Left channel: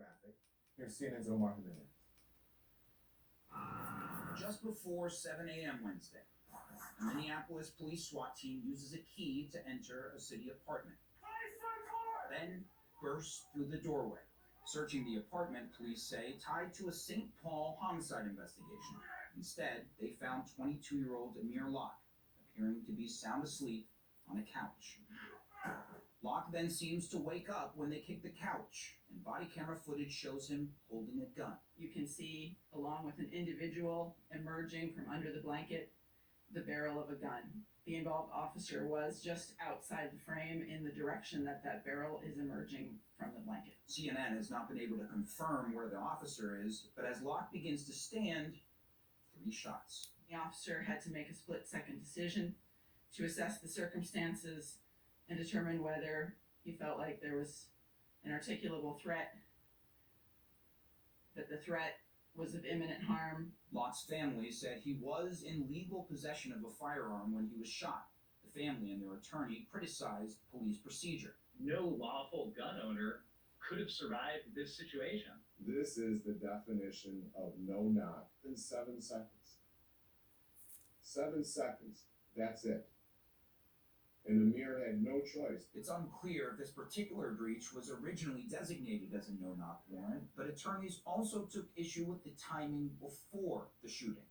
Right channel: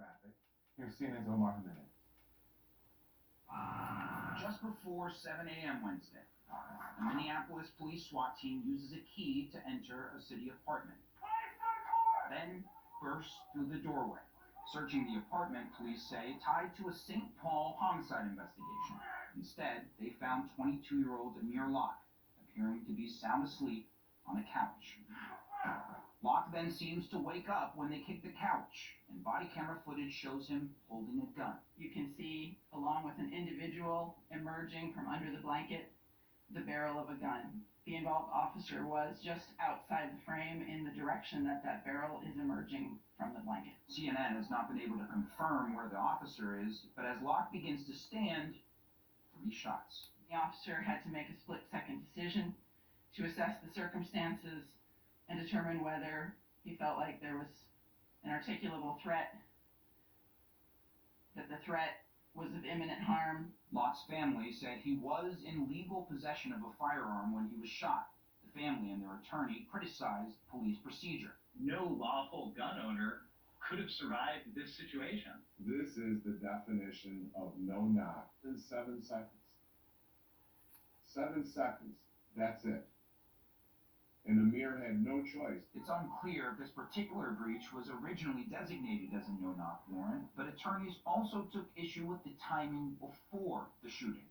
traffic. Here's CNN's Omar Jimenez. Just before 7 a.m. Wednesday, a Minneapolis police SWAT team uses a key to enter a city apartment, then bursts through the doorway. Searching the apartment, police say, tied to a St. Paul homicide investigation. Instead, they found 22-year-old Amir Locke, appearing to be sound asleep on a couch. Locke then seems to wake up when they kick the couch, and body camera footage shows him holding a gun. You can see, along with an individual emerging from under the blanket, the barrel of a gun. The involved officer was just outside the frame in the direction that that barrel is emerging from the blanket. CNN has not been able to confirm where the officer is, but as Locke begins to stand, 3 shots. The officer had to make a split-second decision to assess the circumstances and determine whether he felt like there was an articulable threat, that the threat was of imminent harm. Locke's family said he was in legal possession of a firearm when he was shot. The family and their attorney criticized police procedure. No lawful gun owner could have survived this situation. This is the definition of no knock in 7 seconds. 7 seconds. That's it. And Amir had no choice. It's unclear if this particular breach was originally designated as a no-knock warrant, but attorneys also took issue with the timing before the shooting.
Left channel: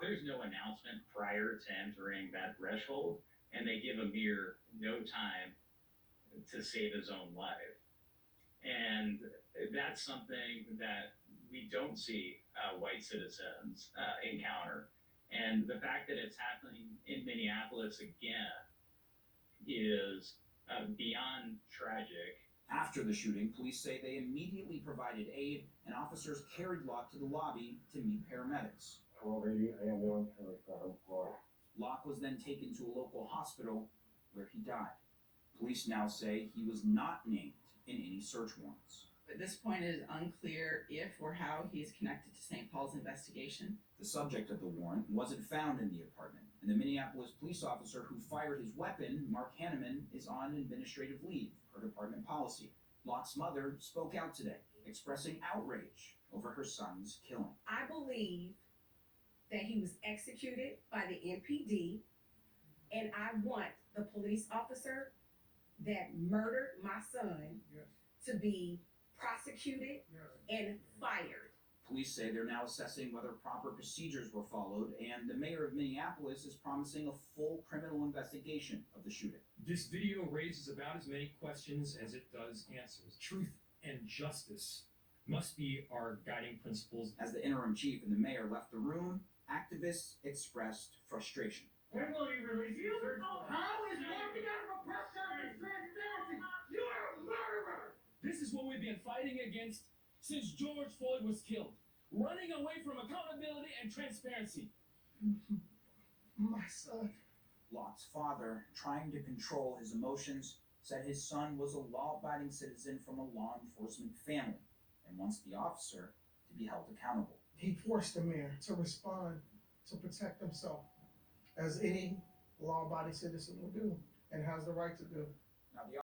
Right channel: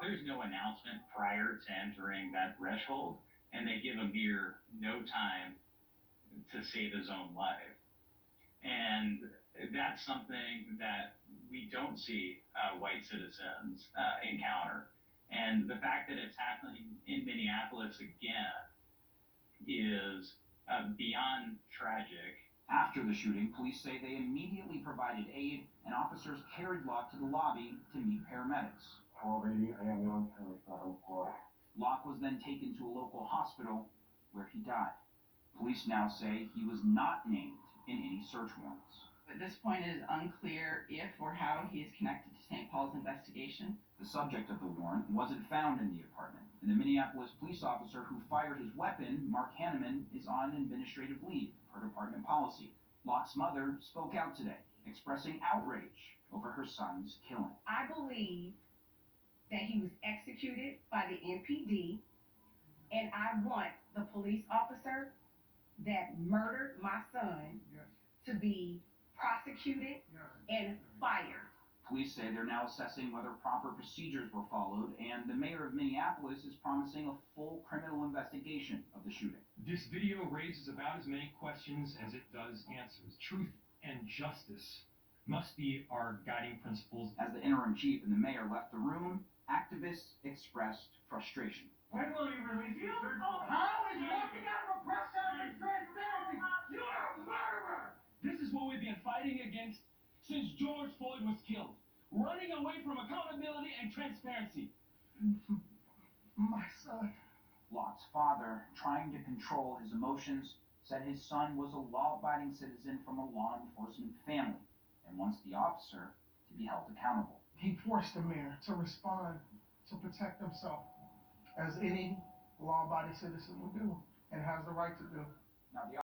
There's no announcement prior to entering that threshold, and they give Amir no time to save his own life. And that's something that we don't see white citizens encounter. And the fact that it's happening in Minneapolis again is beyond tragic. After the shooting, police say they immediately provided aid, and officers carried Locke to the lobby to meet paramedics. 1280, I am on counter. Locke was then taken to a local hospital where he died. Police now say he was not named in any search warrants. At this point, it is unclear if or how he is connected to St. Paul's investigation. The subject of the warrant wasn't found in the apartment, and the Minneapolis police officer who fired his weapon, Mark Hanneman, is on administrative leave per department policy. Locke's mother spoke out today, expressing outrage over her son's killing. I believe that he was executed by the NPD, and I want the police officer that murdered my son to be prosecuted and fired. Police say they're now assessing whether proper procedures were followed, and the mayor of Minneapolis is promising a full criminal investigation of the shooting. This video raises about as many questions as it does answers. Truth and justice must be our guiding principles. As the interim chief and the mayor left the room, activists expressed frustration. When will you release the search warrant? How is walking out of a press conference transparency? You are a murderer! This is what we've been fighting against since George Floyd was killed. Running away from accountability and transparency. My son. Locke's father, trying to control his emotions, said his son was a law-abiding citizen from a law enforcement family and wants the officer to be held accountable. He forced Amir to respond to protect himself, as any law-abiding citizen would do and has the right to do. Now, the